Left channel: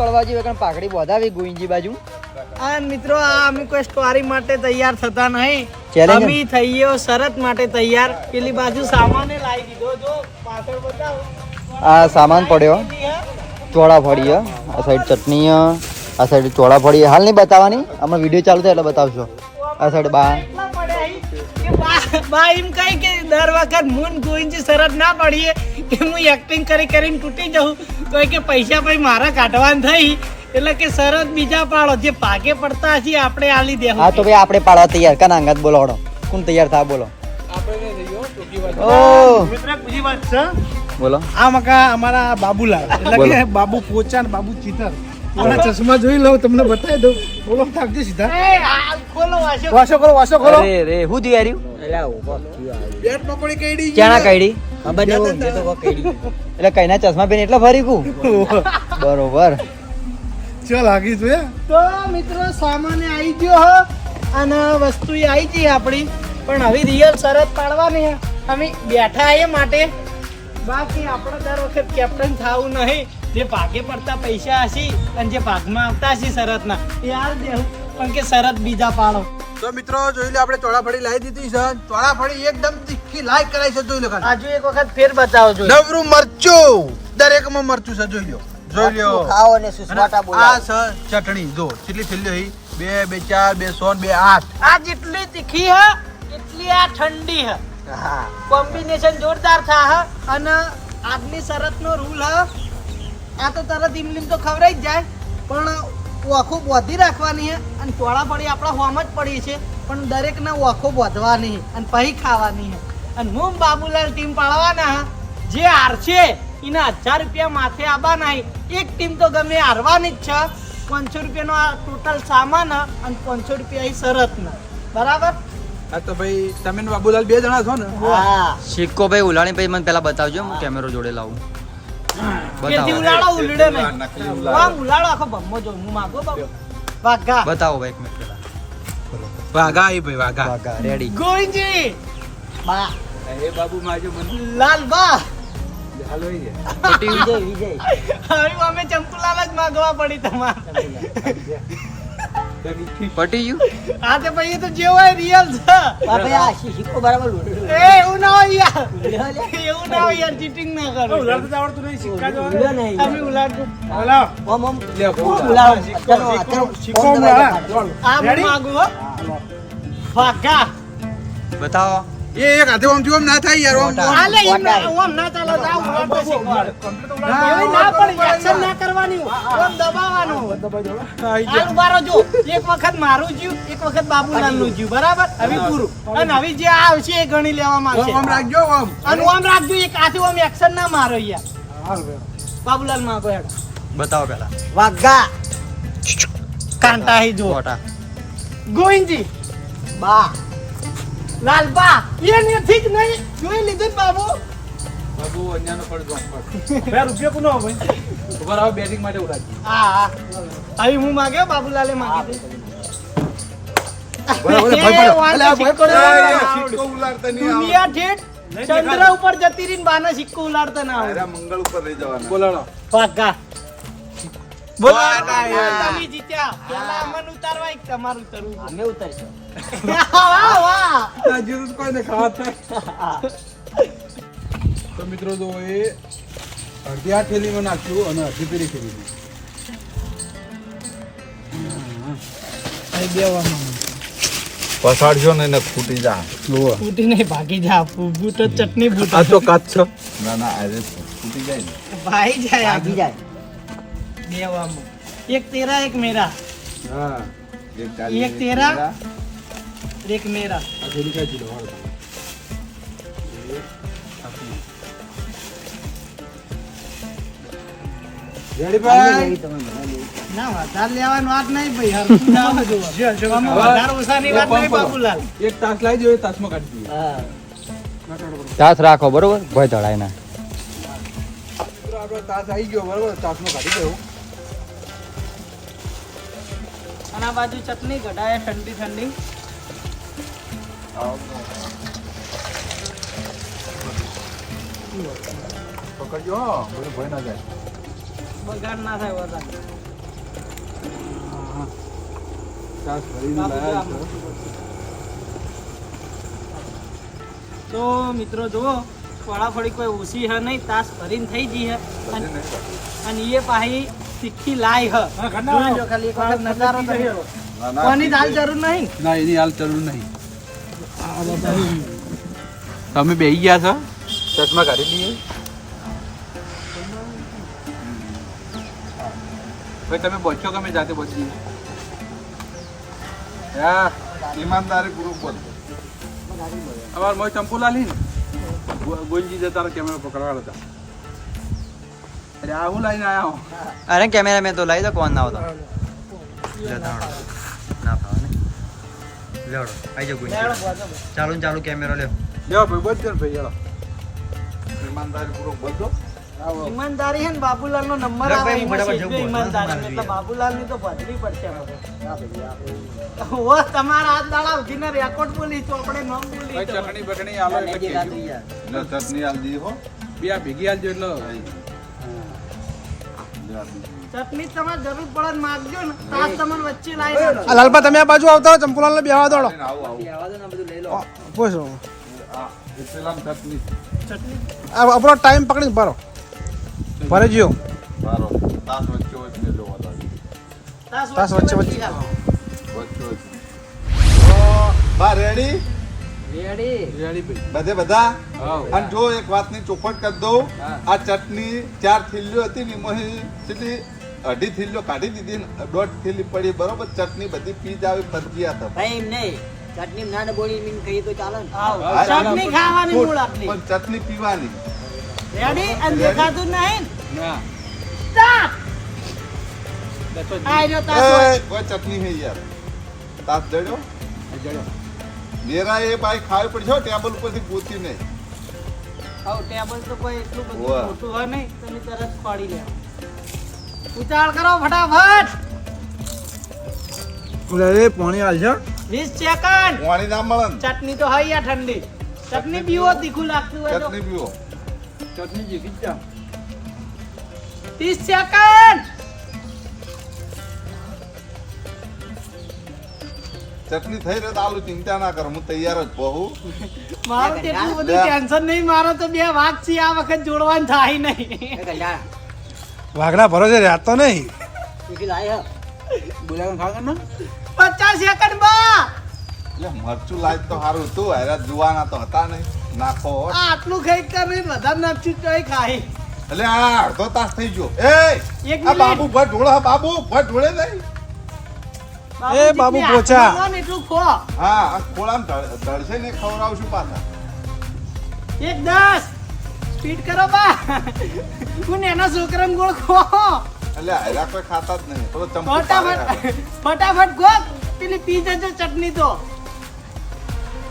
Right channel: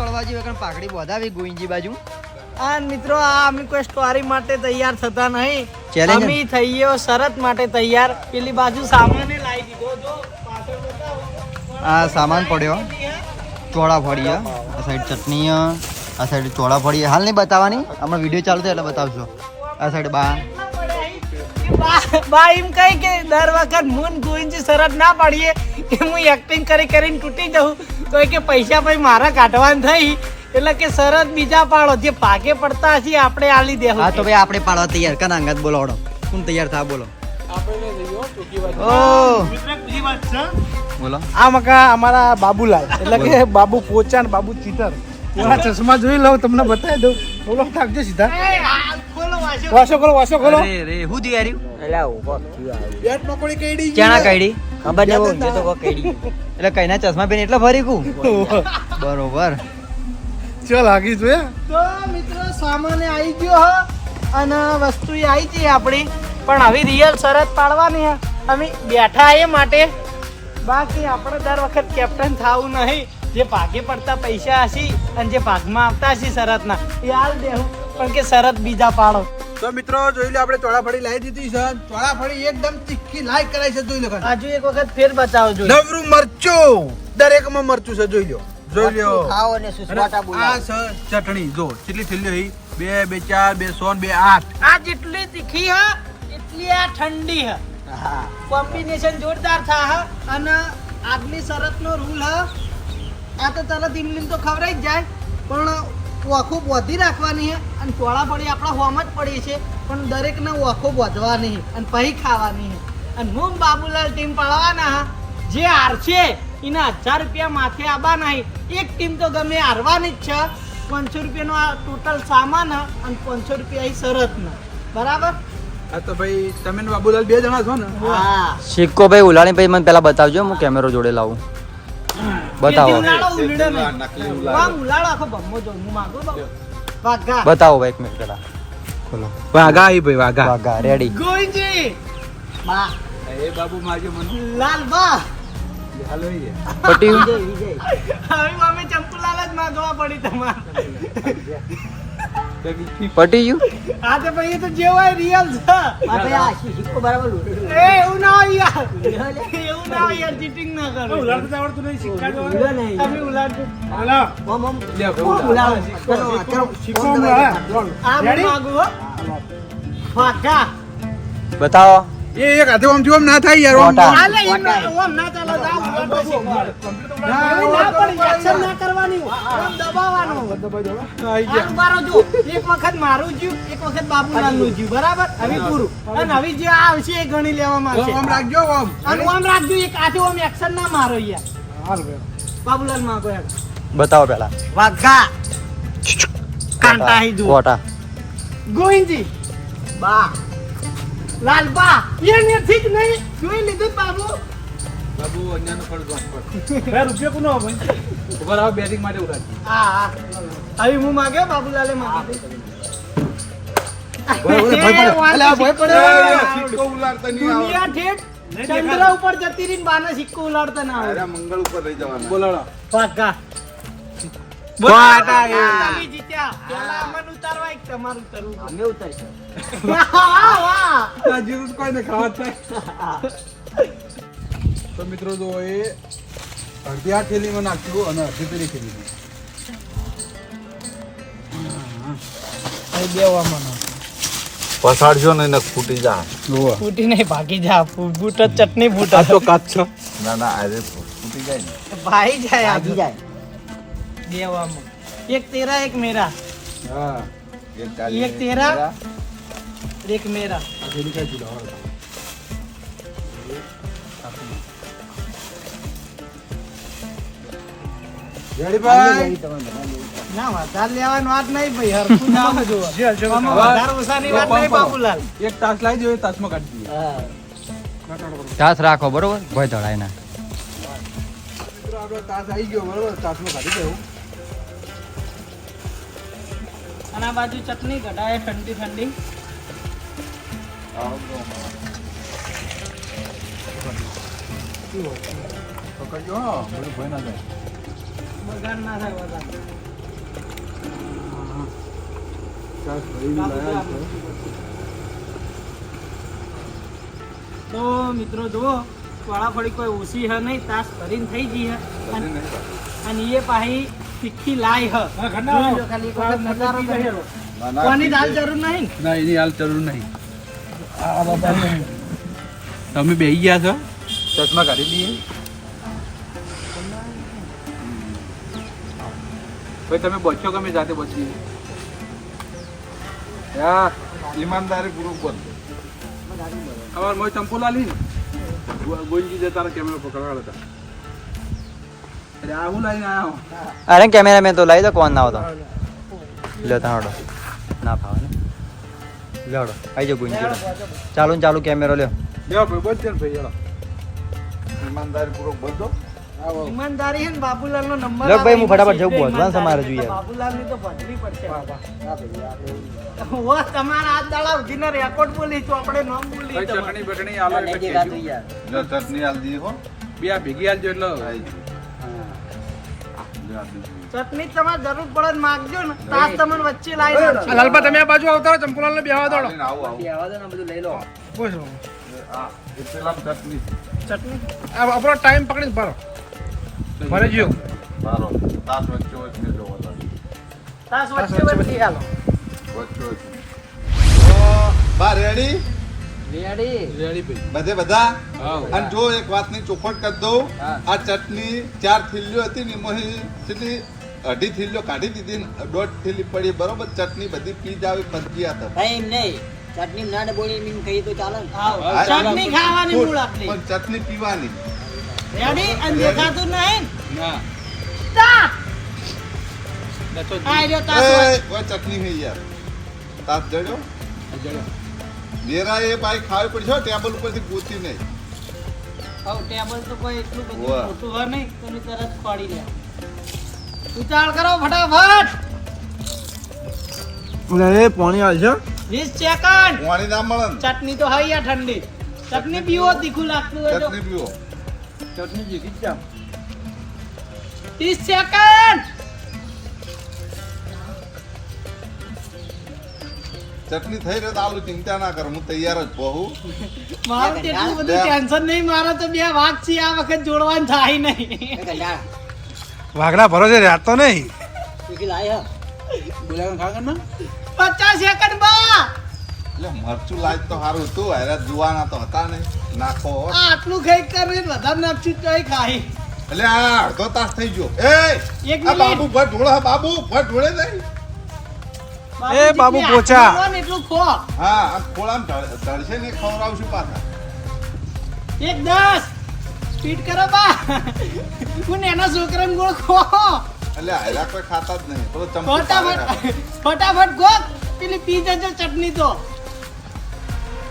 તળવા જેવી કારણ પાઘડી બોધાવી ગોઈંજી બાજુ. આ મિત્રો આ અમે કોઈ સ્ટોરી માટે તૈયાર થતા નહીં. Challenge અમે થઈએ શરત માટે તૈયાર. પેલી બાજુ સામાને લાવી દીધો. જો પાછળ બતાવો. આ સામાન પડ્યો ચોળા ફળી આ સાઈડ ચટણી આ સાઈડ ચોળા ફળી હાલ નહીં બતાવવાની હમણાં વિડીયો ચાલુ થાય એટલે બતાવશો. આ સાઈડ બા બા એમ કઈ કે દર વખત મૂન ગોઈંજી શરત ના પાડીએ કે હું એક્ટિંગ કરીને તૂટી જાઉં તો કે પૈસા ભાઈ મારા કાઢવાનું થઈ એટલે કે શરત બીજા પાડો જે ભાગે પડતા હશે આપણે આલી દેવું. હા તો ભાઈ આપણે પાડવા તૈયાર કના અંગત બોલો હડો કોણ તૈયાર થા બોલો. ઓ બોલો. આ મકા અમારા બાબુલાલ એટલે કે બાબુ પોચા ને બાબુ ચીતર ઓલા ચશ્મા જોઈ લઉં તમને બતાવી દઉં. બોલો થાકજો સીધા વાસો કરો અરે રે હું દિયાર્યું બેટ પકોડી કેડી ચાણા કાઢી ખબર નહીં જે તો કઈડી એટલે કઈના ચશ્મા પહેરી એટલે ફરી કુ બરોબર. ચાલ આગી જોયા. તો મિત્રો સામાને આવી ગયો હ અને વસ્તુ આવી ગઈ આપણી પણ હવે રિયલ શરત પાડવાની હે. અમે બેઠા એ માટે બાકી આપણે દર વખત કેપ્ટન થવું નહીં. જે ભાગે પડતા પૈસા હશે અને જે ભાગમાં આવતા હશે શરતના એ હાલ દેવું પણ કે શરત બીજા પાડો. તો મિત્રો જોઈ લો આપણે ચોળાફળી લાવી દીધી છે. ચોળાફળી એકદમ તીખી લાઈક કરાઈ છે. જોઈ લો ખાલી હજુ એક વખત ફેર બતાવો જોઈએ. નવરું મરચું દરેકમાં મરચું છે. જોઈ લો ખાઓ અને સુસવાટા બોલાવો. આ છે ચટણી જો કેટલી થેલીઓ હી 2 2 4 2 100 2 8 આ જેટલી તીખી હ એટલી આ ઠંડી હ. કોમ્બિનેશન જોરદાર થા હ અને આજની શરતનો રૂલ હ આ તો તરત ઇમલીમ તો ખવરાઈ જ જાય પણ ઓખો બોધી રાખવાની છે અને ચોળા પડી આપણા હોમ જ પડી છે પણ દરેકને ઓખો બોધવાની છે અને પછી ખાવાની છે. અને હું બાબુલાલ ટીમ પાડવાના હા જે હારશે એના 1000 રૂપિયા માથે આવવાના. એક ટીમ તો ગમે હારવાની જ છે. 500 રૂપિયાનો આ ટોટલ સામાન અને 500 રૂપિયા એ શરતના બરાબર. આ તો ભાઈ તમે ને બાબુલાલ 2 જણા છો ને. હા સિક્કો ભાઈ ઉલાણી ભાઈ મને પેલા બતાવજો હું કેમેરો જોડે લાવું. બતાવો બતાવો ભાઈ એક મિનિટ પેલા બોલો. વાઘા આવી ભાઈ વાઘા વાગા રેડી ગોવિંદજી બા એ બાબુ માજો મને લાલ બા હાલો એ પટી વિજય હવે અમે ચંપુલાલ જ માંગવા પડી તમારે. પટી ગયું આ તે પછી તો જે હોય રિયલ છે. એ એવું ના હોય યાર એવું ના હોય યાર ચીટિંગ ના કરો. ઉલાડતા આવડતું નહીં સિક્કા જો તમે ઉલાડજો. ઓલા લે સિક્કો માં આ માંગુ હો વાઘા બતાવો. એ એક હાથે આમ જો આમ ના થાય યાર આમ મોટા. આલે એમ ના ચાલે જાવ ઉલાડો શીખવાડ. હવે ના પડી એક્શન ના કરવાની આમ દબાવવાનું. આનું બારો જો એક વખત મારું જીવ એક વખત બાબુલાલનું જીવ બરાબર. હવે પૂરું અને હવે જે આવશે એ ગણી લેવામાં આવશે. આમ રાખજો આમ અને આમ રાખજો એક હાથે આમ એક્શન ના મારો યાર. બાબુલાલ માં કોઈ બતાવો પેલા વાઘા કાંટા હી જો કોટા ગોવિંદજી બા લાલ બા એ નથી જ નહીં જોઈ લીધું બાબુ. બાબુ અન્યાનો પડ ગો બે રૂપિયા કોનો ભાઈ ઉપર આવ બેટિંગ માટે ઉડાડી. હા હવે હું માંગ્યો બાબુલાલે માંગી સિક્કો ઉલાડતા નહીં દુનિયા ઠેઠ ચંદ્ર ઉપર જતી રહીને બાના સિક્કો ઉલાડતા ના આવે. મંગળ ઉપર લઈ જવાના બોલાડો વાઘા તમે જીત્યા. પહેલા અમન ઉતારવા એક તમારું ઉતરવું છે. અમે ઉતારશું. વાહ વાહ જીરું કોઈને ખાવા થાય. તો મિત્રો જો એ અડધી આ થેલીમાં નાખ્યું અને અડધી પેલી થેલીમાં પસાડજો ને ફૂટી જા ફૂટી નહીં ભાગી જા. બૂટ જ ચટણી બૂટ આ તો કાચ છો ના ના અરે ફૂટી જાય ને ભાઈ જાય ભાગી જાય દેવામાં. એક તેરા એક મેરા હા એક તેરા એક મેરા. આ થેલી કાઢી લો રેડી ભાઈ ના વધારે લેવાનું વાત નહીં ભાઈ હરખું ના હોય જોવા. આમાં વધારે ઓછાની વાત નહીં બાબુલાલ. એક તાસ લાવી દો તાસમાં કાઢી દઈએ તાસ રાખો બરોબર ભય ધડાય ના. આપણો તાસ આવી ગયો બરોબર તાસમાં કાઢી દેવું. અને આ બાજુ ચટણી કઢાય ઠંડી ઠંડી. પકડજો હો ભય ના જાય. બગાડ ના થાય વધારે. તો મિત્રો જુઓ ચોળાફળી કોઈ ઓછી હ નહીં, તાસ ભરીને થઈ ગઈ હ અને એ પાહી તીખી લાઈ હ. જોઈ લો ખાલી એક વખત નજારો કરી લો. કોની દાલ જરૂર નહીં ને? ના એની હાલ જરૂર નહીં. તમે બેહી ગયા છો ચશ્મા કાઢી દઈએ. તો તમે બચો ગમે જાતે બચી હા ઈમાનદારી પૂર્વક બોલજો. અમાર મોય ચંપુલા લી ગોંજી જતા કેમેરો પકડવા હતા. અરે આ હું લઈને આવ્યો. અરે કેમેરા મેં તો લાવી દો, કોણ ના આવતો લેતા હડો ના ફાવે ને લેવડો આવી જાઓ ગુંજી. ચાલુ ને ચાલુ કેમેરો લ્યો. લ્યો ભાઈ બચજો ને ભાઈ હેલો. ઈમાનદારી પૂર્વક બોલજો. ઈમાનદારી હે ને બાબુલાલ નો નંબર લો ભાઈ, આવે હું ફટાફટ એમાં જવું, પહોંચવાનું તમારે ઈમાનદારી. જોઈએ. એટલે બાબુલાલ ની તો ભજવી પડશે ઓ તમારા હાથ દાડા ઉઠીને રેકોર્ડ બોલી તો આપણે નામ બોલી ભાઈ તમારે. ચટણી બટણી આલો એટલે કહેજો. લો ચટણી આલ દી હો. બે આ ભેગી આલજો એટલે લે આ દી. ચટણી તમારે જરૂર પડે ને માગજો ને તાસ તમને વચ્ચે લાવી દઉં. આ લાલબા તમે આ બાજુ આવતા હો, ચંપુલાલ ને બેહવા દોડો. આવો આવો. પૂછો આ એ પેલા ચટણી ચટણી આ આપણો ટાઈમ પકડીને ભરો ભરે જીઓ. મારો તાસ વચ્ચે વચ્ચે જોવો તાસ. તાસ તાસ વચ્ચે વચ્ચે વચ્ચે હાલો. વચ્ચે વચ્ચે. તો બા રેડી રેડી ભાઈ બધે બધા. આવ અને જો એક વાતની ચોખવટ કરી દઉં, આ ચટણી 4 થેલીઓ હતી ને એમાંથી કેટલી 2.5 થેલીઓ કાઢી દીધી ને 1.5 થેલી પડી. બરોબર, ચટણી બધી પી જ આવી ફરકી હતા. ભાઈ એમ નહીં ચટણી ના ને બોલી એમ કહીએ તો ચાલે ને. આવો. હા, ચટણી ખાવાની મૂળ આપણી. પણ ચટણી પીવાની. રેડી અને દેખાતું નહીં ના તાસ દસો આ રહ્યો તાસ એ, વચ્ચે. કોઈ ચટણી નહીં યાર. તાપ જડ્યો જડો નેરા એ ભાઈ ખાવી પડશે હો, ટેબલ ઉપરથી ગોતી નહીં. આવો ટેબલ તો કોઈ એટલું બધું વાહ. મોટું હોય નહીં, તમે તરત ખોડી લે. ઉતાળ કરો ફટાફટ. પાણી આવે છે 20 સેકન્ડ. પાણી ના મળે ને. ચટણી તો હઈ આ ઠંડી. ચટણી પીવો તીખું લાગતું હોય તો. ચટણી પીવો. ચટણી ભેગી જ 30 સેકન્ડ. ચટણી થઈ રહ્યો તો આલું ચિંતા ના કરો, હું તૈયાર જ બહુ. મારું તો એટલું બધું ટેન્શન નહીં, મારો તો 2 વાઘ છે આ વખત જોડવાનું થાય નહીં. એ કંટાળા. વાઘના ભરોસે રહેતો નહીં. તીખી લાય હે. બોલાવવાનું ખાવા ને 50 સેકન્ડ બા. એટલે મરચું લાજ તો સારું હતું, હેરા જુવાના તો હતા નહીં. નાખો હો. આ આટલું ખાઈ કરીને વધારે નાખશું તોય ખાઈ. એટલે આ અડધો તાસ થઈ ગયો. એ એક આ બાબુ મિનિટ. ભટ ઢોળે, બાબુ ભટ ઢોળે નહીં. બાબુ જેટલી પોચા. હાથમાં લો ને એટલું ખો. હા, આ ખોળામાં ધડશે ને ખવડાવશું પાછા. 1-10 સ્પીડ કરો બા. હું એના છોકરાને ગોળ ખો. એટલે હેરા કોઈ ખાતા જ નહીં. પેલો ચમચો પાડે ફટાફટ ખાય. ફટાફટ ગોત. પેલી પી જજો ચટણી તો.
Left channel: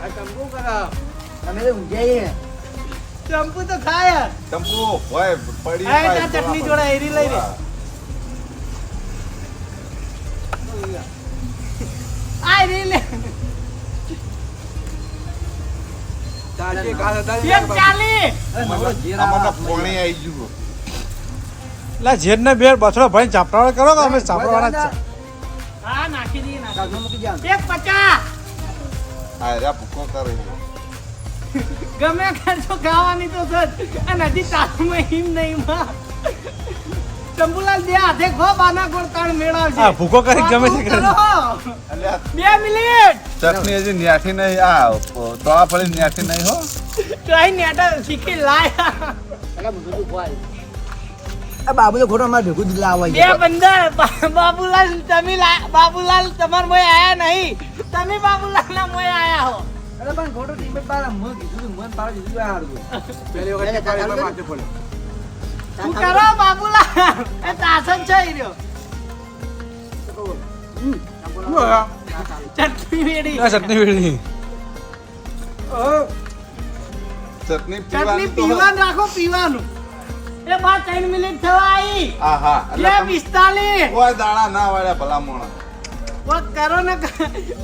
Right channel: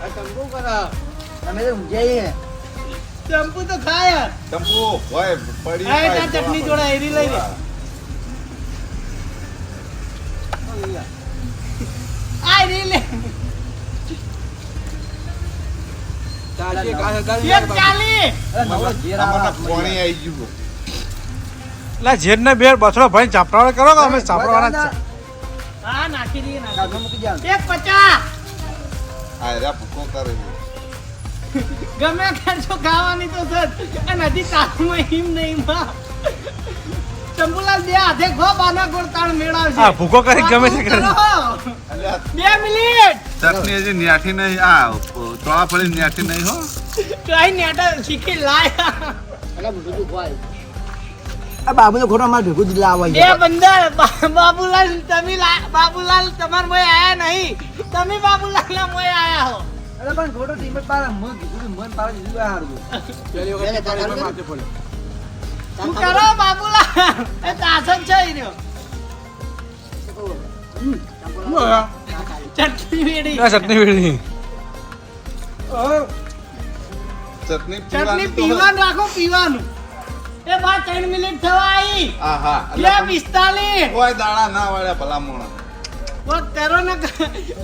આ ટંબુ કરો. તમે તો ઊંઘ્યા હે. ચંપુ તો ખાય. ચંપુ હોય પડી હા, જાય, તાર ચટણી ખોળા જોડે એરી લઈ લે. આ એરી લે. ચાલશે કાસે 140. આમાં તો પાણી આવી ગયું. એટલે જેડ ને બેર બથડો ભાઈ ચાપડાવાળા કરો કે અમે ચાપડાવાળા જ છે. હા નાખી દઈએ કાઢવા મૂકી જાઓ. 150. આ હેરા ભૂકો કરે છે. ગમે કરજો ખાવાની તો સજ. અને હજી તાળમાં હિમ નહીં માં. ચંપુલાલ 2 હાથે ખો બાના ગોળ તાણ મેળવશે. હા, ભૂકો કરી ગમે તે કરે. કરો. એટલે આ 2 મિનિટ. ચટણી હજી ન્યાઠી નહીં. આ તોળા ફળી ન્યાઠી નહીં હો. તો અહીં નેટા શીખી લાયા. એટલે બધું તું ખવાય. આ બાબુ તો ખોટો મારે ભેગું દીધા આવે બે બંદર બાબુલાલ તમે બાબુલાલ તમાર મોય આયા નહીં. તમે બાબુલાલ ના મોય આયા હો. અરે પણ ખોટો ટીમ જ બાર મન કીધું મન પાડે દીધું આ હારું. પહેલી વખત પાણી માથે પડ્યો શું કરો બાબુલાલ? એ તાસન છે ઈ રહ્યો. ચટણી વેડી. આ ચટણી વેડી. ચટણી ચટણી પીવાની તો પીવાનું રાખો પીવાનું. એ બા 3 મિનિટ થવા આવી. હા હા. એટલે 2:45. કોઈ દાડા ના વાળ્યા ભલા મોણા. વાત કરો ને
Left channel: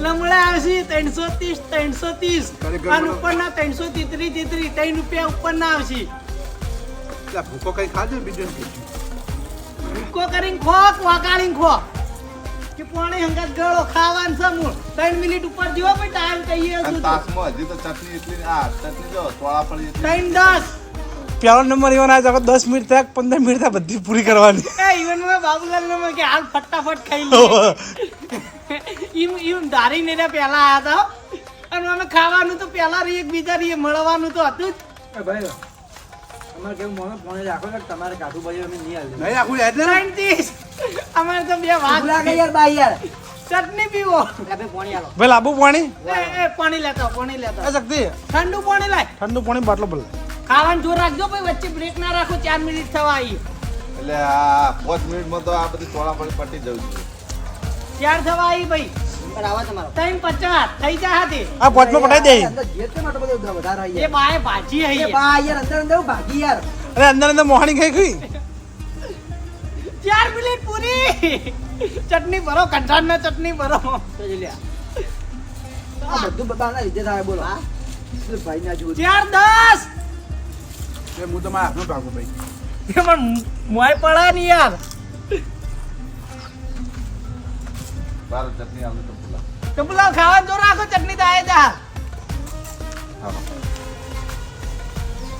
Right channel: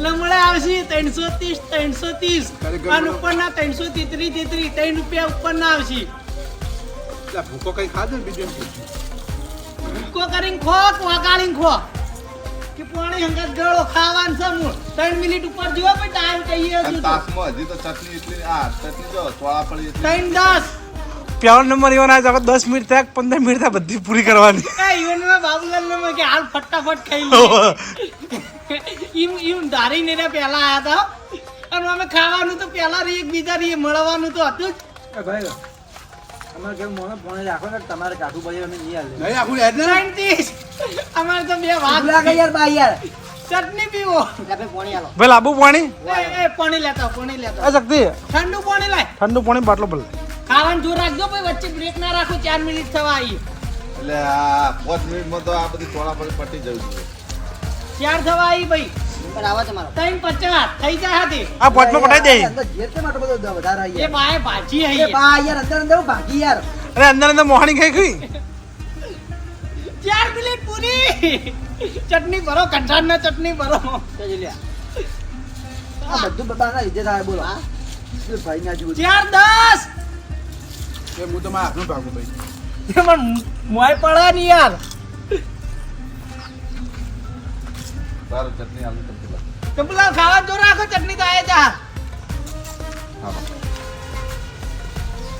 લમડે આવશે 330 અને ઉપરના 333 3 રૂપિયા ઉપરના આવશે. ભૂકો કઈ ખાધું બીજું ભૂકો કરીને ખો વગાડીને ખો. કે પાણી હંગાત ગળો ખાવાનું છે મૂળ 3 મિનિટ ઉપર જીવો પછી ટાઈમ કહીએ અને છું તો. તાસમાં હજી તો ચટણી એટલી આ ચટણી જો ચોળાફળી એટલી 3:10 પેલો નંબર એવો ના જાગો 10 મિનિટ થાય 15 મિનિટ થાય બધી પૂરી કરવાની એ ઈવન માં બાબુલાલ ને કે હાલ ફટાફટ ખાઈ લે ઈમ ધારીને ને પહેલા આયા હતા હો. અને અમે ખાવાનું તો પહેલા રી એકબીજા રી મળવાનું તો હતું જ. ભાઈ અમારે કેમ મોને ફોન રાખો ને તમારે કાઠું ભાઈ અમે નહીં હાલે નહીં આખું યાદ ને 30 અમારે તો બે વાત ભૂલા ગઈ યાર બાઈ યાર ચટણી પીવો ભાઈ લાંબુ પાણી એ પાણી લેતો પાણી લેતો એ શક્તિ ઠંડુ પાણી લાય ઠંડુ પાણી બાટલો ભલે ખાવાનું જોર રાખજો ભાઈ વચ્ચે બ્રેક ના રાખો 4 મિનિટ થવા આવી એટલે આ 5 મિનિટમાં તો આ બધી ચોળાફળી પટી જવું જોઈએ 4 થવા આવી ભાઈ આવા તમારો 3:50 થઈ જાય હાથી આ પોચમાં પટાઈ દે અંદર જે તે માટે બધો વધારે આવી એ બાય ભાજી એ હઈ બા યાર અંદર અંદર ભાગી યાર અરે અંદર અંદર મોહણી ખાઈ ગઈ 4 મિનિટ પૂરી ચટણી ભરો કંઠાણ ના ચટણી ભરો આ બધું બાના લીધે થાય બોલો હા ભાઈ ના જુઓ 4:10 એ હું તમારા હાથનો ભાગું ભાઈ એમાં મોય પડા ની યાર તારો ચટણી આલુ તપેલા તો પેલા ખાવાનું જોર રાખો ચટણી તો આયે જા હા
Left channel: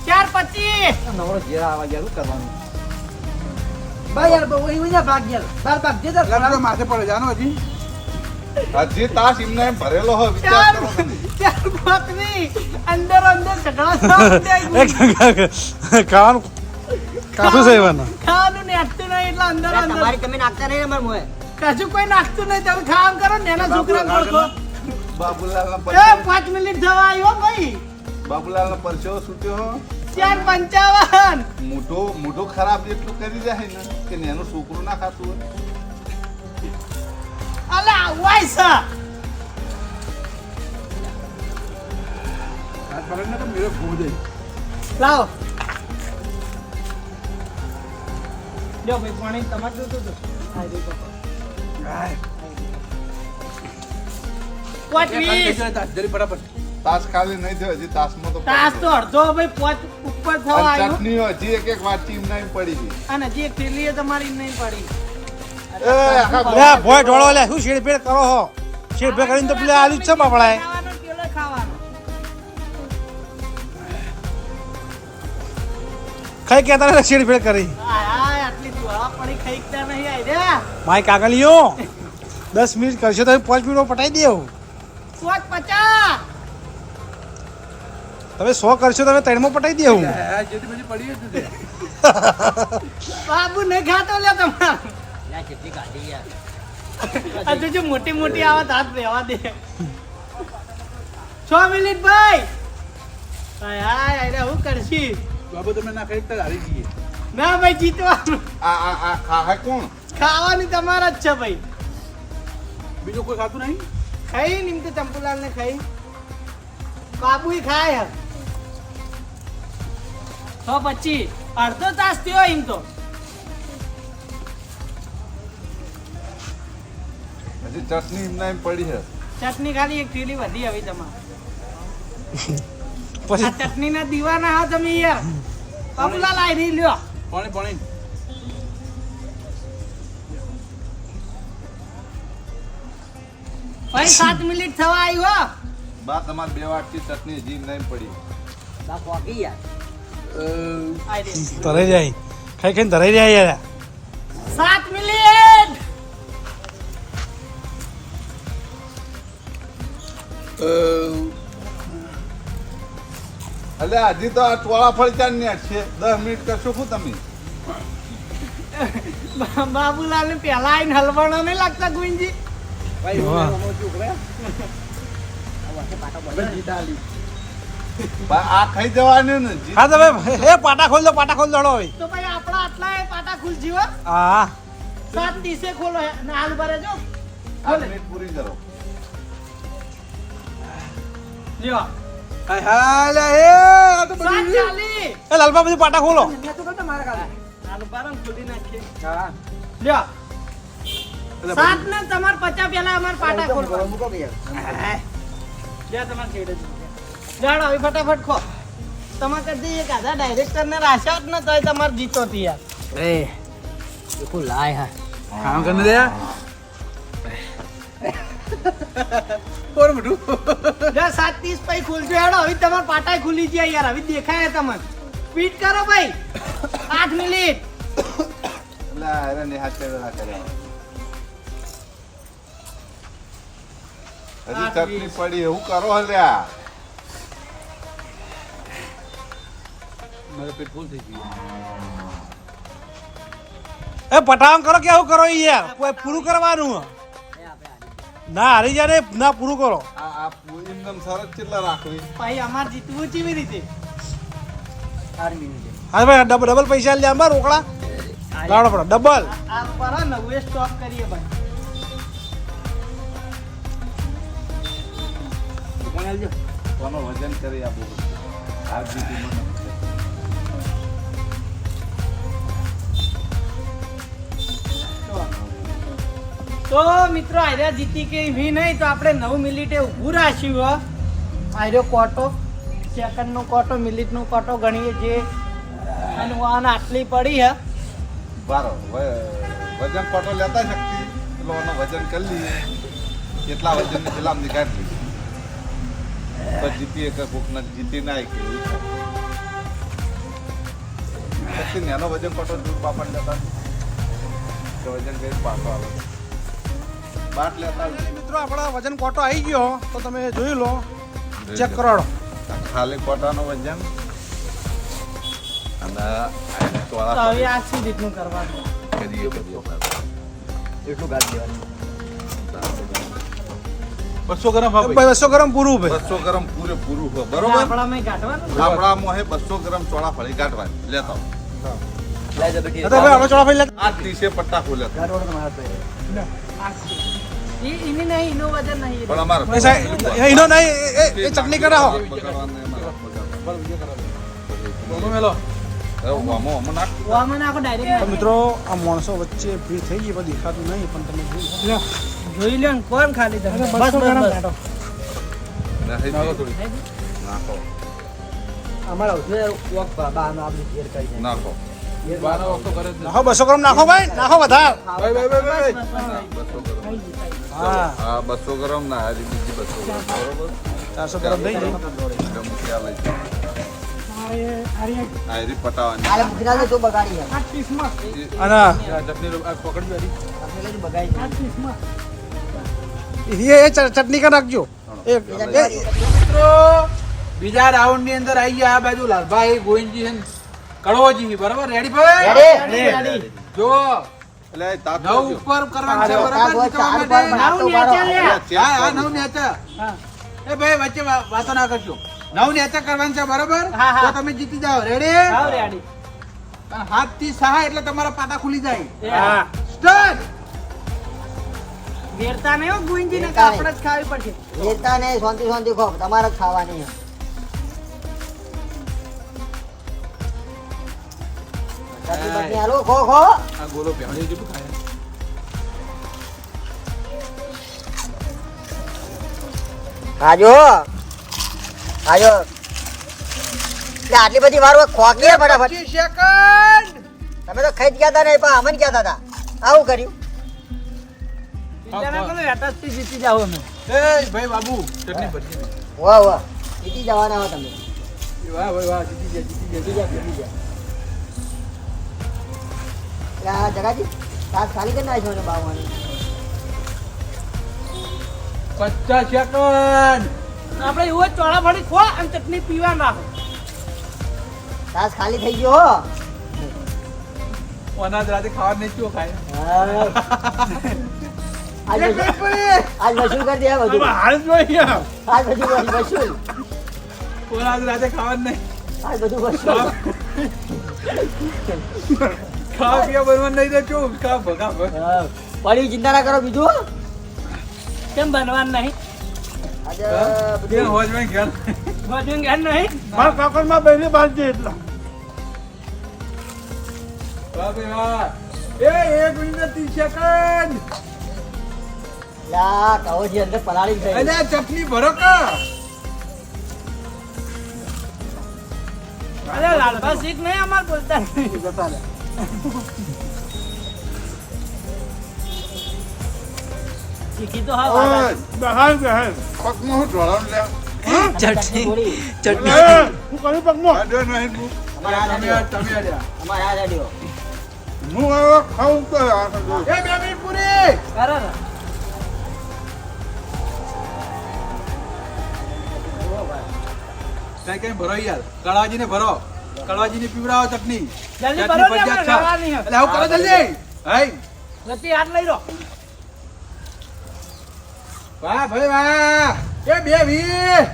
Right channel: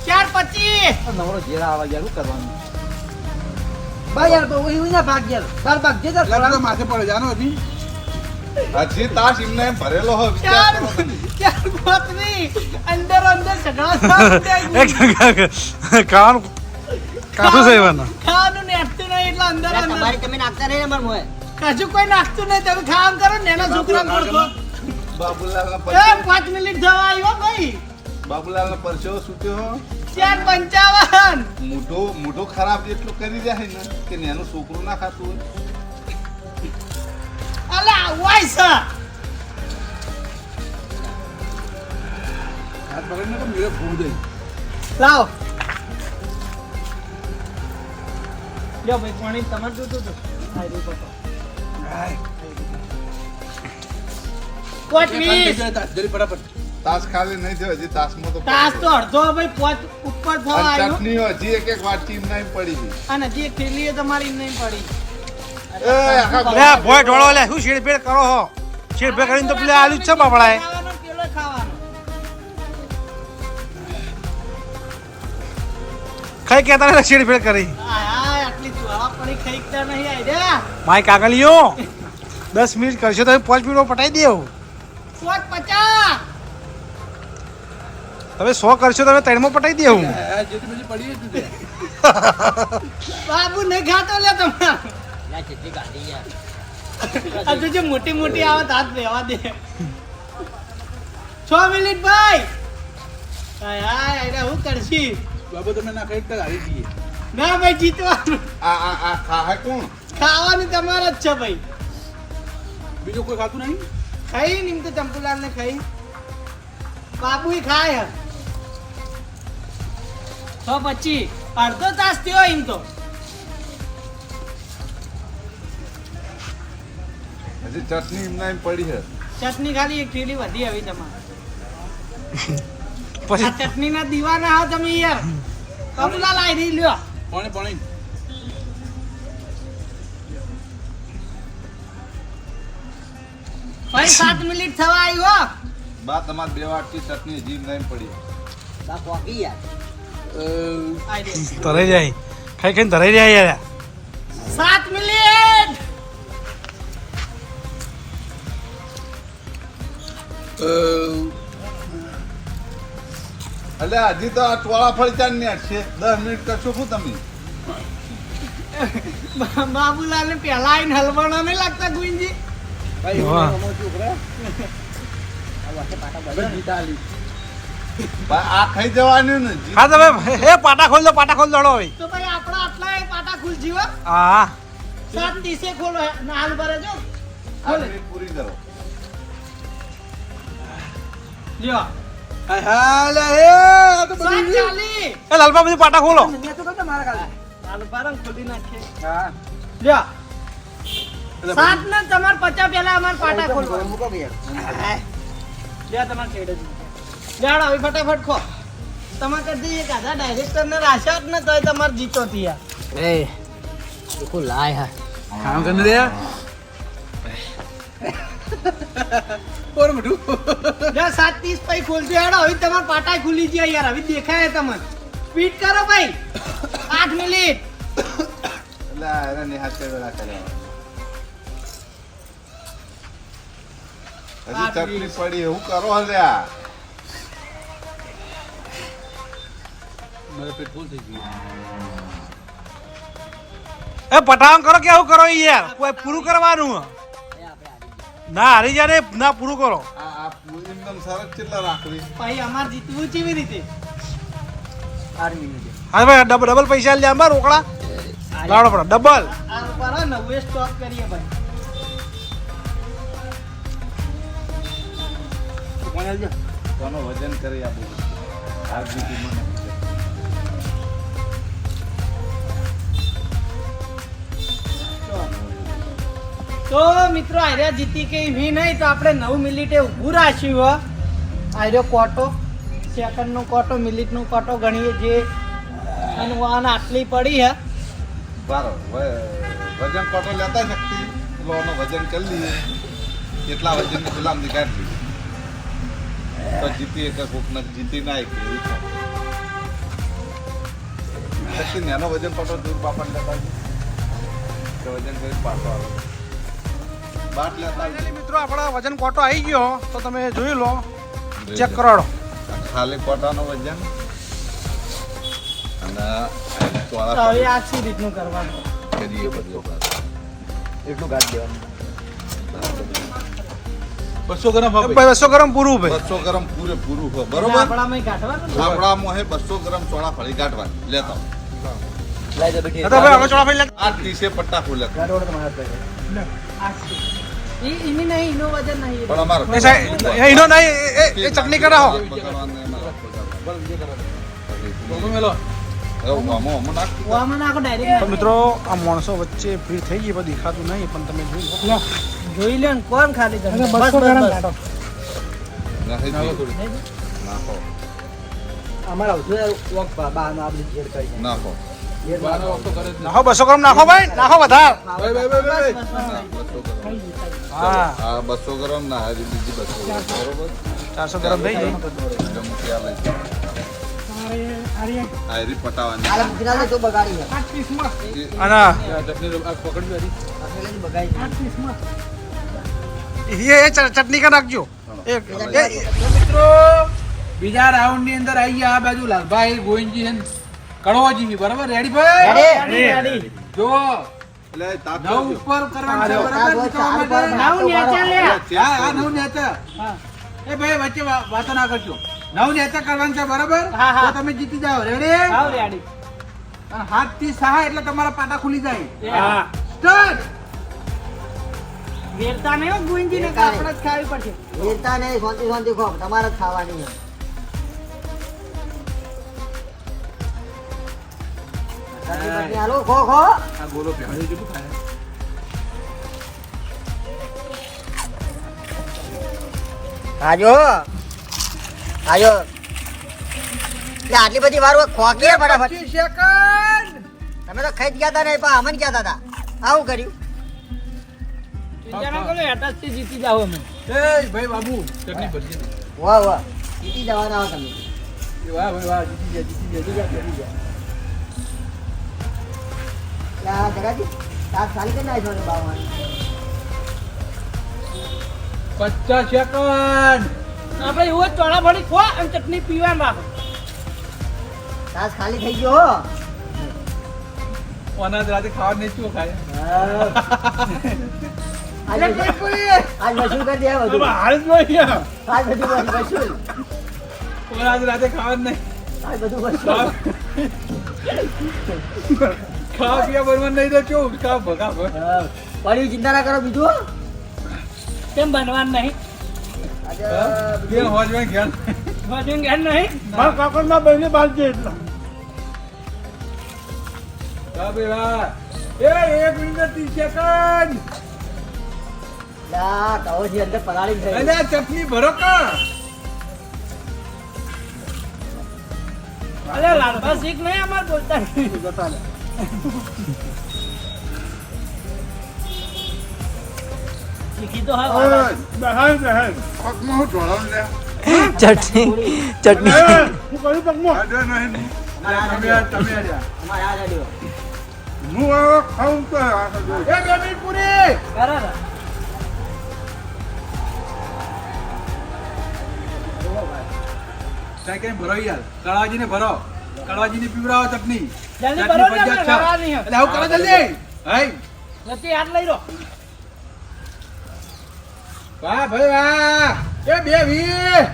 4:25 નવરો ઘેર આવા યાર શું કરવાનું બા યાર બહુ એવું ના ભાગ યાર બાર ભાગ જે લગા તો માથે પડે જાનો હજી હજી તાસ એમને એમ ભરેલો હોય વિચાર કરો તમે 4:35 અંદર ઝઘડા ખાવાનું કાઠું છે એવાના ખાવાનું નેટતું નહીં એટલે અંદર તમારી તમે નાખતા નહીં અમાર મોય કશું કોઈ નાખતું નહીં તમે ખાવાનું કરો ને એના છોકરા ઓળખો બાબુલાલ ના એ પરસેવો 5 મિનિટ થવા આવ્યો ભાઈ બાબુલાલ નો પરસેવો સૂટ્યો 4:55 મોઢું ખરાબ એટલું કરી જાય ને કે એનું છોકરું ના ખાતું હોય અલા વાય સર હાથ પકડીને તો મેરે ફોન દે લાવો લ્યો ભાઈ પાણી તમારે જોતું હતું પોચ વીસ જરી ફટાફટ તાસ ખાલી નહીં થયો હજી તાસમાં તો તાસ તો અડધો ભાઈ પોચ ઉપર થવા અને આવ્યો ચટણી હજી એક વાટકી એમને એમ પડી ગઈ અને હજી એક થેલી તમારી નહીં પડી એ આખા લે આ ભોય ઢોળો લે શું શેડફેડ કરો હો શેડફેડ કરીને તો પેલે આલુ જ છે બાપડાએ ખાવાનો પેલો ખાવાનો ખાઈ કેતા ને શેડફેડ કરી હાય આટલી જ્વાળા પડી ખાઈકતા નહીં આઈ રે માય કાગલિયો 10 મિનિટ કરશો તો 5 મિનિટમાં પટાઈ દેવ પોચ 50 તમે 100 કરશો તો 3 માં પટાઈ દેવ જેથી બધી પડી જ તે બાબુ નહીં ખાતો લે તમારે આ તો જો મોટી મોટી આવત હાથ રહેવા દે 6 મિનિટ ભાઈ હાય હાય અરે હું કરશી બાબુ તમે ના ખાઈ તો હારી જઈએ ના ભાઈ જીતવાનું આ ખાહે કોણ ખાવાની તમારા જ છે ભાઈ બીજું કોઈ ખાતું નહીં ખાઈ નિમ તો ચંપુલાલ ને ખાઈ બાબુ ખાય હે 6:25 અડધો તાસ થયો એમ તો હજી ચટણી એમને એમ પડી છે ચટણી ખાલી એક થેલી વધી આવી તમારે આ પછી ચટણી ના દીવાના હો તમે યાર બાબુલાલ આઈ રહી લ્યો પાણી પાણી ભાઈ 7 મિનિટ થવા આવ્યો બા તમારે 2 વાટકી ચટણી હજી એમને એમ પડી બા કોકી યાર આઈ રહી તરાઈ જાય ખાઈ ખાઈને તરાઈ જાય યાર 7 મિનિટ એટલે હજી તો આ ચોળાફળી ચાર ને છે 10 મિનિટ કરશો શું તમે બાબુલાલ ને પેલા આઈને હલવાણો નહીં લાગતા ગુંજી ભાઈ વાહ. હું છોકરા આ વાટે પાટા બદલ જીતાલી બા આ ખાઈ જવાનું ને જી- હા તમે એ પાટા ખોલ દો દડો હવે તો ભાઈ આપણા આટલા એ પાટા ખુલ જીવો હા 7:30 ખોલો ના હાલ ભરે જો 8 મિનિટ પૂરી કરો લ્યો હાય હાલે એ આ તો બધી 7:40 એ લાલબા બધી પાટા ખોલો મેં તો કરતા મારા કાલે હાલ ભરે ખોલી નાખીએ હા લ્યો 7 ને તમાર 50 પેલા અમાર પાટા ખોલવા મૂકો કે યાર લ્યો તમાર છેડે જ લેડો હવે ફટાફટ ખો તમાર કદી એક આધા ડાયરેક્ટર ને રાશા જ ન તોય તમાર જીતો તી યાર એ દેખો લાય હા ખાવાનું કરીને દે ઓર મોઢું 7:30 પછી ખોલજો હેડો. હવે તમારા પાટા ખુલી ગયા યાર. હવે દેખાય તમને. સ્પીડ કરો ભાઈ. 8 મિનિટ. એટલે અરે નિહાત કર્યા કર્યા હજી ચટણી પડી એવું કરો હલ્યા મારું પેટ ફૂલ થઈ ગયું. એ પટાવન કરો કે આવું કરો યાર કોઈ પૂરું કરવાનું ના હારી જાય ના પૂરું કરો આ પૂરી એકદમ સરસ કેટલા રાખવી પછી અમારે જીતવું કેવી રીતે? 8 મિનિટે. હા ભાઈ ડબલ પૈસા લે આમાં રોકડા લાવડો પડે ડબલ આ ઉપર હે ને હવે સ્ટોપ કરીએ ભાઈ. કોણ આલજો? કોનો વજન કરી આપવું આ જીતી મને તો મિત્રો આર્યા જીતી કે વી નહીં તો આપણે 9 મિનિટે ઊભું રાખ્યું હો. આર્યો કોટો સેકન્ડનો કોટો મિનિટનો કોટો ગણીએ જે અનુવાન આટલી પડી હે. બારો વજન કોટો લેતા શક્તિ એટલે એનો વજન કરી લઈએ કેટલા વજન ની ગુલામ ની કાઢી લઈએ તો જીતી કે કોક ને જીતી ના કે એવું થાય શક્તિ ને એનો વજન કોટો દૂર બાપણ લેતા કે વજન કરી પાછો આવે બાટ લેતા મિત્રો આપણા વજન કોટો આવી ગયો તો તમે જોઈ લો ચેક કરાડો ખાલી કોટાનો વજન અને આ તો ચોળા હવે આ સી રીતનું કરવાનું? કરીએ બધું એટલું ગાઢ દેવાનું 200 ગ્રામ હા ભાઈ. ભાઈ 200 ગ્રામ પૂરું ભાઈ 200 ગ્રામ પૂરેપૂરું હો બરોબર બરોબર આપણામાં કાઢવાનું ને? આપણામાં હે 200 ગ્રામ ચોળા ફળી કાઢવાની લેતા લઈ જા બેટી તો ભાઈ હવે ચોળા ભાઈ લે આ 30 પટ્ટા ખોલે ગાઢ તમારા પાસે આ સી. ઈ નહીં એનો વજન નહીં. પણ અમારે એ સાહેબ, એનો નહીં એ ચટણી કરાવો બગાડવાને અમારે બગાડવાનું. બોલો મેલો. હવે આમાં નાખ ઓમાં નાખો ડાયરેક્ટ. તો મિત્રો આ માણસો વચ્ચે ભીડ થઈ ગઈ પણ દેખાતું નહીં પણ તમે જોઈ લો જોઈ લ્યો ને કોણ ખાલી તમે. બસ બસ બસ. નાખી દઈએ. નાખો અમારા આવશે વોક બાનો આપણે ઘેર કરી જાય નાખો બાનો વખતો કરે જ નહીં. નાખો 200 ગ્રામ નાખો ભાઈ નાખો વધાર ભાઈ ભાઈ ભાઈ ભાઈ. બસ, બસ, બસ. 200 ગ્રામ હા આ 200 ગ્રામ ના આ બીજી 200 ગ્રામ બરોબર 400 ગ્રામ થઈ ગઈ એકદમ ખ્યાલ આવી આ રી પટાવાની આ ગુજરાતે તો બગાડી અને આ ચટણી લો, આ પકડજો હરી. છે બગાડી એ ચટણી કા નાખજો એક મિત્રો બીજા રાઉન્ડ ની અંદર આવી ગયા આ બાજુ લાલભાઈ ગોવિંદજી છે ને કડવાજી બરાબર રેડી ભાઈ રેડી, રેડી. જો એટલે તાપ નવ ઉપર કરવાનું છે બરાબર ચાર જીતવા વાર માટે. નાવ નેચે લે. હા નવ નેચા હા. એ ભાઈ વચ્ચે વાતો ના કરજો નવ નેચા કરવાનું છે બરાબર હા, હા. તો તમે જીતી જાઓ રેડી આવ રેડી. હાથ થી સહાય એટલે તમારા પાટા ખુલી જાય હા. સ્ટાર્ટ વેરતા નહીં હો ગુંજી ને આપણે જ ખાવી પડશે. વેરતા ને શાંતિ શાંતિ ખો તમારે જ ખાવાની છે. ચટણી બટણી હાલો ખો ખો આ ગોલો પહેરે જેટલું ખાય આજો આજો આટલી બધી વાર ખોકી ફટાફટ 25 સેકન્ડ તમે તો ખાઈ જ ગયા હતા ને પણ અમને ગયા હતા આવું કર્યું ચિંતા ના કરો હેઠળથી જીતી જાઓ અમે. એ ભાઈ બાબુ ચટણી ભરજી ને. વાહ વાહ જીતી જવાના હો તમે એ વાહ ભાઈ વાહ જીતી ગયા જીતી ગયા એટલે આના જગાજી તાસ ખાલી કરી નાખ્યો ને બાવાની 50 સેકન્ડ આપણે એવું જ ચોળા ફળી ખો અને ચટણી પીવા નાખો. તાસ ખાલી થઈ ગયો હો અનાજ રાતે ખાવા નહીં ચો ખાય આજ વસૂલ કરી દે બધું હાલ જોઈએ આજ બધું વસૂલ અનાજ રાતે ખાવા નહીં આજ બધું વસૂલ ખાવા પીવા બનવા નહીં તો ચો ખા ભગા પડી ચિંતા ના કરો બીજું કેમ બનવાનું નહીં? આજે કે હોજ માં ઘેર ભજન જ્ઞાન નહીં. મારા કાકડમાં બેને બાંધજે એટલો વાહ ભાઈ વાહ એ 1 મિનિટ 30 સેકન્ડ લા કહોથી અંદર પલાળી થઈ અને આ ચટણી ભરો કા અરે લાલભા શીખ નહીં અમાર બોલતા નહીં. જતા લે શીખી તો હા ઓય, પગમાં હું ઢોળાવું લે? ચટણી ચટણી હું કહ્યું પગમાં આજો નહીં હું. તમે આર્યા. અમારે આ રેડિયો હું હવે ખાઉં તો આ બધું. એ 2 મિનિટ પૂરી બરાબર કઈ ભરો યાર કળવાજી ને ભરો કળવાજી ને પીવડાવો ચટણી જલ્દી ચટણી ભરો ને, ફરજિયાત આપણે છે. ખાવાની છે. એટલે આવું કરો જલ્દી હઈ નથી હાથ લઈ લો વાહ ભાઈ વાહ એ 220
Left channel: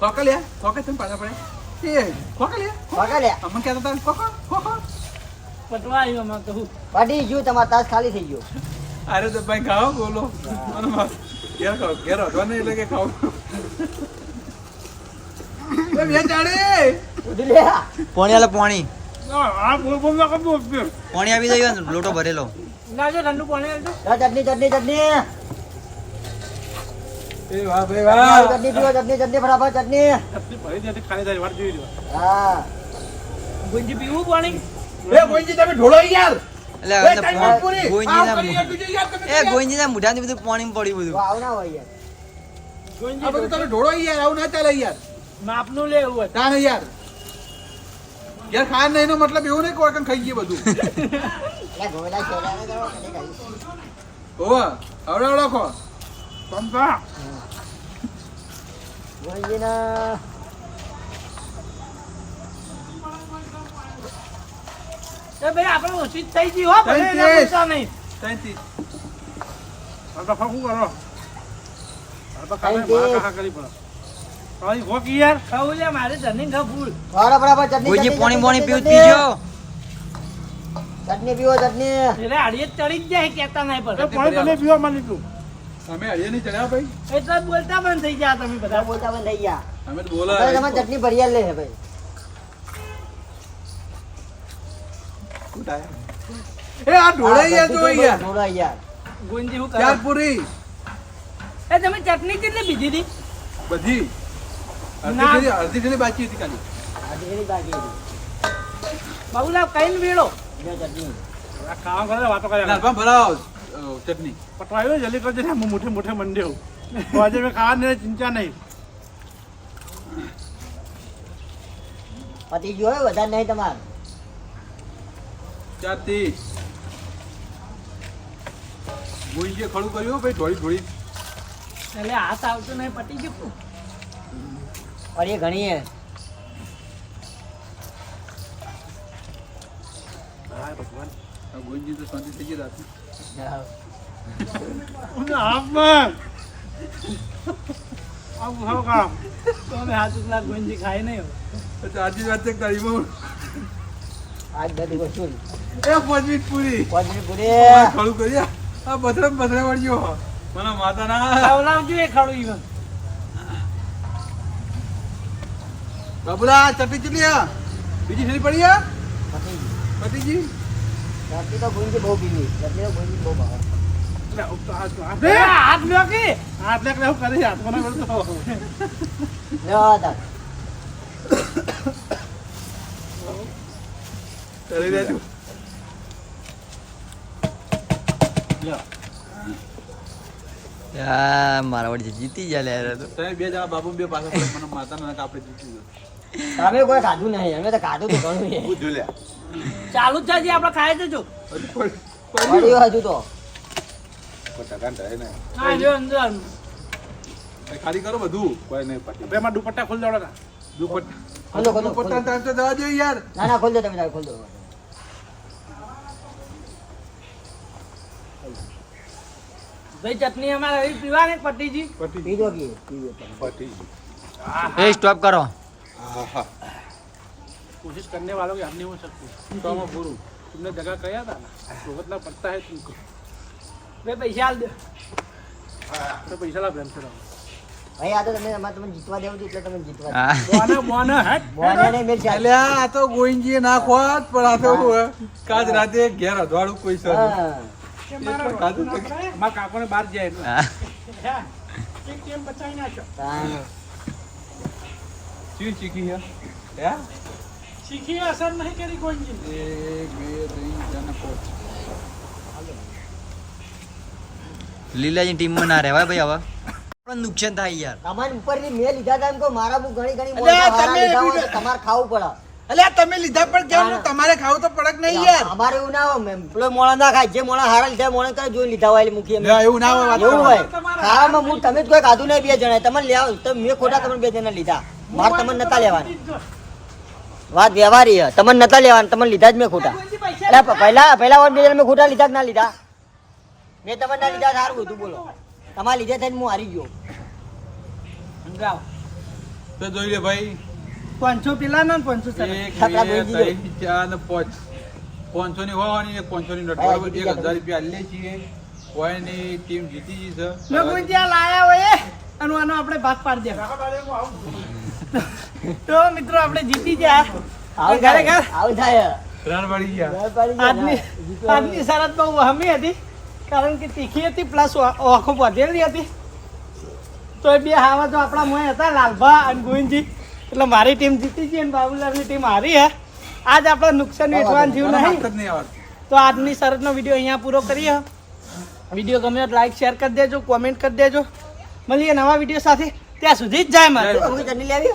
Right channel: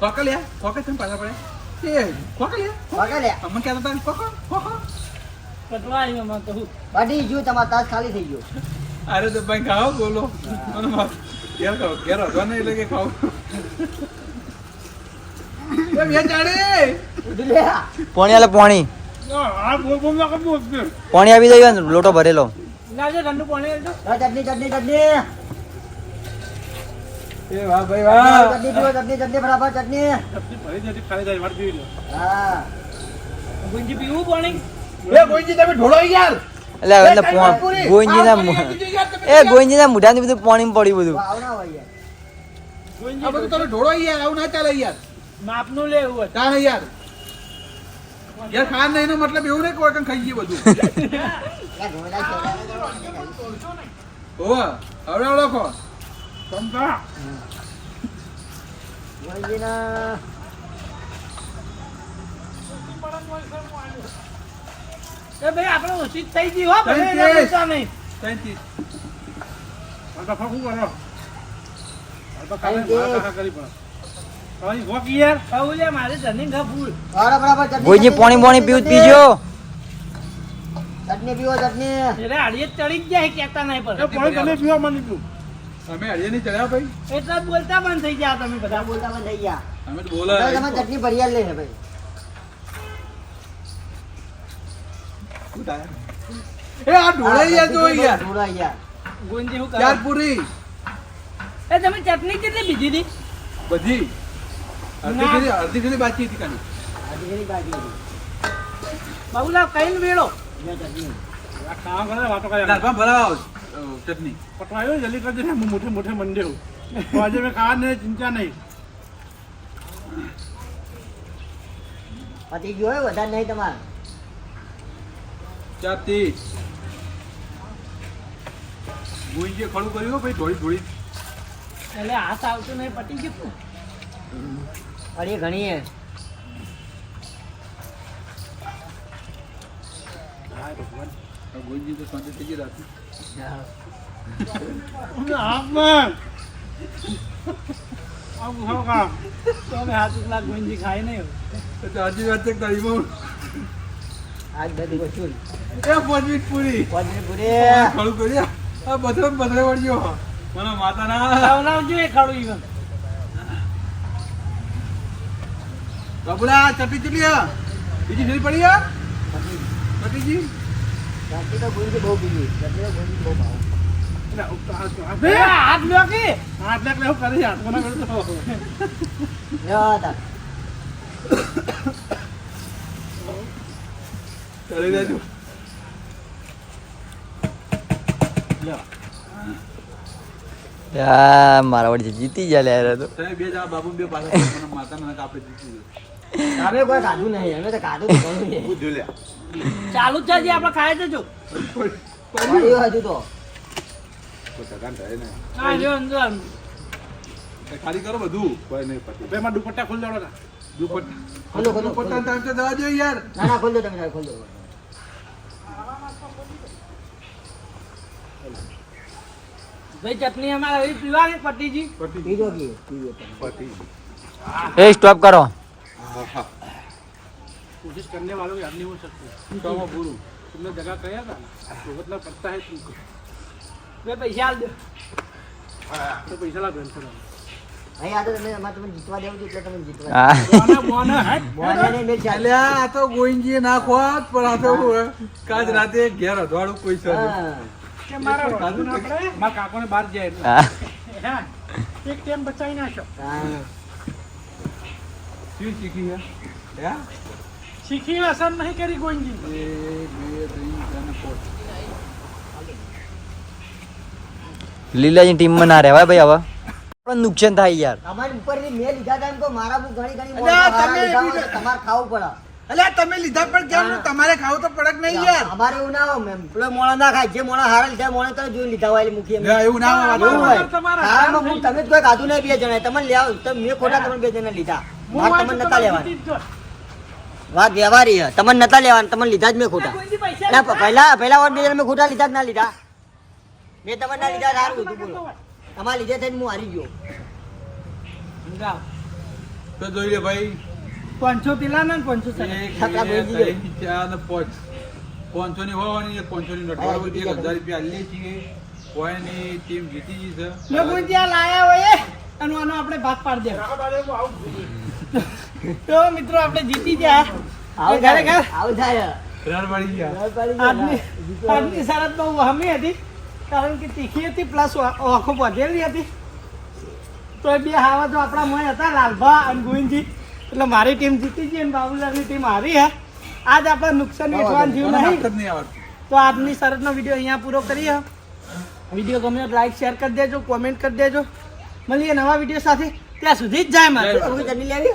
ખોકલ્યા ખોકે છે ને પાછા પડે એ ખોકલ્યા વાગે લે અમને કહેતા હતા ખોખો ખોખો પટવા આવ્યો માં કહું પાટી ગયું તમારો તાસ ખાલી થઈ ગયો અરે તો ભાઈ ખાઓ બોલો મને માર ઘેર ખાઓ ઘેર હતો ને એટલે કે ખાઓ એ બે ચાડી ઉડી લે પાણી આલે પાણી આ બોલ ના કરવું પાણી આવી જાય લોટો ભરેલો લાવજો ઠંડુ પાણી આવજો ચટણી ચટણી ચટણી એ વાહ ભાઈ વાહ ચટણી પીવો ચટણી ફટાફટ ચટણી ભરી દે ખાલી જાય વાટ પીવી લો હા ગુંજી પીવું પાણી એ ગોઈજી તમે ઢોળો યાર એટલે ગોઈંજીના મુઢાની બધું પાણી પડ્યું બધું આવ ના હોય યાર આ બધું તમે ઢોળો યાર આવું ના ચાલે યાર માપનું લેવું હોય તાણ યાર યાર ખાન નહીં નો મતલબ એવું નહીં કોઈ કઈ ખાઈ ગયું બધું લે ગોળા છોડા ઓવા આવડે આવડો ખો પંપા ગોળીના એ ભાઈ આપણે ઓછી જ થઈ ગઈ હો ભલે થઈ એના ગઈ. પૈસા નહીં 33 આ તો ફકું કરો આ તો કાલે મારા કાકા કરી પણ તારી હોકી યાર ખાવું લે મારે જમીન ખા ફૂલ બરાબર ચટણી ગોઈંજી ચટણી, પાણી ચટણી, પીવું પીજો ચટણી પીવો ચટણી એટલે હાડીએ ચડી જ જાય કેતા નહીં એ પર પાણી તમે પીવા માં નહીં પીવું અમે હરિયા નહીં ચડ્યા ભાઈ એટલે જ બોલતા બંધ થઈ ગયા તમે બધા બધા બોલતા બંધ થઈ ગયા અમે તો હવે બોલા તમારે ચટણી ભરિયાલ લે છે ભાઈ એ આ ઢોળે યાર જો યાર ઢોળા યાર ગુંજી હું ચાર કરો પૂરી એ તમે ચટણી કેટલી બીજી હતી બધી અડધી ઘડી બાકી હતી ખાલી આજે ઘણી બાકી હતી બાબુલા કઈ વેળો લે ચટણી આ ખાવા કરે વાતો કરે લાલપા ભરાવો ચટણી પટવાયો જલ્દી કરજે ને હું મોટે મોટે મંડ્યો તો આજે મેં ખાવા ને ચિંતા નહીં પતી ગયો હોય વધારે નહીં તમારે 4:30 ગુંજે ખડું કર્યું ભાઈ ઢોળી ઢોળી એટલે હાથ આવતો નહીં પટી ગયું और ये घनी है હાય ભગવાન ગુંજી તો શાંતિ થઈ ગઈ રાત આમાં આવું ખાવ કામ તો અમે હાથ ઉકલા ગુંજી ખાઈ નહીં હવે આજે વાત એક તારીખમાં आज बदी वसूल એ 5 મિનિટ પૂરી पद्मी पूरे ખડું કર્યા આ બથરે વળ્યો મને માતાના ખવડાવજો એ ખાડું ઈવન બાબુલા ચટણી ચટણી આ બીજી ફેરી પડી આ ચટણીજી चटनी तो गुंजी बहु पीवी चटनी तो गुंजी बहु भाव હાથ લ્યો કે હાથ લાખ લેવું કરી હાથ મને કરતો लो तक કરી દેજો મારા વડી જીતી ગયા લે તો તમે બે જણા બાબુ બે પાછા મને માતાના કાપે જીતી ગયો तारे कोई काटू नहीं हमें तो काटू तो कोई नहीं બુદ્ધ લે ચાલુ જ છે હજી આપણે ખાઈ જજો पड़ी हो हजू तो પચાકાન થાય ને હા લ્યો અંદર ખાલી કરો બધું કોઈ નહીં પતી બે માં દુપટ્ટા ખોલ દેવડા દુપટ્ટા खोलो खोलो દુપટ્ટા ટાઈમ તો જવા દો યાર ना ना खोल दो तुम खोल दो ભાઈ ચટણી અમારે હવે પીવાની પટ્ટીજી પતી पी दो की पी दो પતી એ સ્ટોપ કરો હા હા कोशिश करने वालों की हार नहीं हो सकती તો આમાં પૂરું तुमने जगह कहा था ना भुगतना पड़ता है तुमको બે પૈસા આલ દે तो पैसा ला बहन से भाई आ तो तुम्हें जीतवा देव तो तुम्हें जीतवा હા बोना बोना है बोने नहीं मेरे ख्याल અલ્યા આ તો ગોઈંજી ના ખોત પણ આ તો કાજ રાતે ઘેર અધવાડું કોઈ છે हाँ કાજુ हमारे काको ने बाहर जाए હા एक गेम बचाई ना हाँ ચી ચીકી હે હે सीखी असर नहीं करी गोइंजी 1 2 3 4 5 લીલાજી ટીમમાં ના રહેવાય ભાઈ હવે પણ નુકસાન થાય યાર. તમારી ઉપરની મેં લીધા હતા એમ કહો, મારા બહુ ઘણી ઘણી અલ્યા, મોટા હારા તમે લીધા હોય બીજા- તો તમારે ખાવું પડે. અલ્યા તમે લીધા પણ કેમ ને? તમારે ખાવું તો પડક નહીં યાર. અમારે એવું ના હોય, પેલો મોણા ના ખાય, જે મોણા હારા લીધા મોણા કરે જોઈ લીધા હોય એટલે મૂકી અમે. એવું ના હોય. એવું હોય ખાવામાં હું તમે જ કોઈ ખાધું નહીં બે જણા તમે લેવા મેં ખોટા તમને બે જણા લીધા મારે તમને નતા લેવાની વાત વ્યવહારી છે તમને નતા લેવાની તમને લીધા જ મેં ખોટા એટલે પહેલા વાર બે જણા મેં ખોટા લીધા કે ના લીધા મેં તમને ના લીધા સારું હતું બોલો તમારા લીધે થઈને હું હારી ગયો સમજાવ. તો જોઈ લે ભાઈ 500 પેલા ના 500 સરસ. 1 2 3 4 ને 5 500 ની હોવાની 500 ની નોટ બરાબર 1000 રૂપિયા લે છીએ કોઈની ટીમ જીતી ગઈ છે મેં કોઈ ત્યાં લાયા હોય અને આનો આપણે ભાગ પાડી દે. તો મિત્રો આપણે જીતી ગયા. આવું ખરેખર આવું થાય રન પડી ગયા આજની શરત બહુ વહમી હતી કારણ કે તીખી હતી પ્લસ આંખો વધેલી હતી. તો એ બે હાવા તો આપણા મોય હતા લાલભા અને ગોવિંદજી એટલે મારી ટીમ જીતી ગઈ અને બાબુલાલની ટીમ હારી હે. આજ આપણે નુકસાન વેચવાનું થયું નહીં. નહીં આવડતું તો આજની શરતનો વિડીયો અહીંયા પૂરો કરીએ. વિડીયો ગમે તો લાઈક શેર કરી દેજો, કોમેન્ટ કરી દેજો. મળીએ નવા વિડીયો સાથે. ત્યાં સુધી જ જાય મારે. તમે જલ્દી લેવી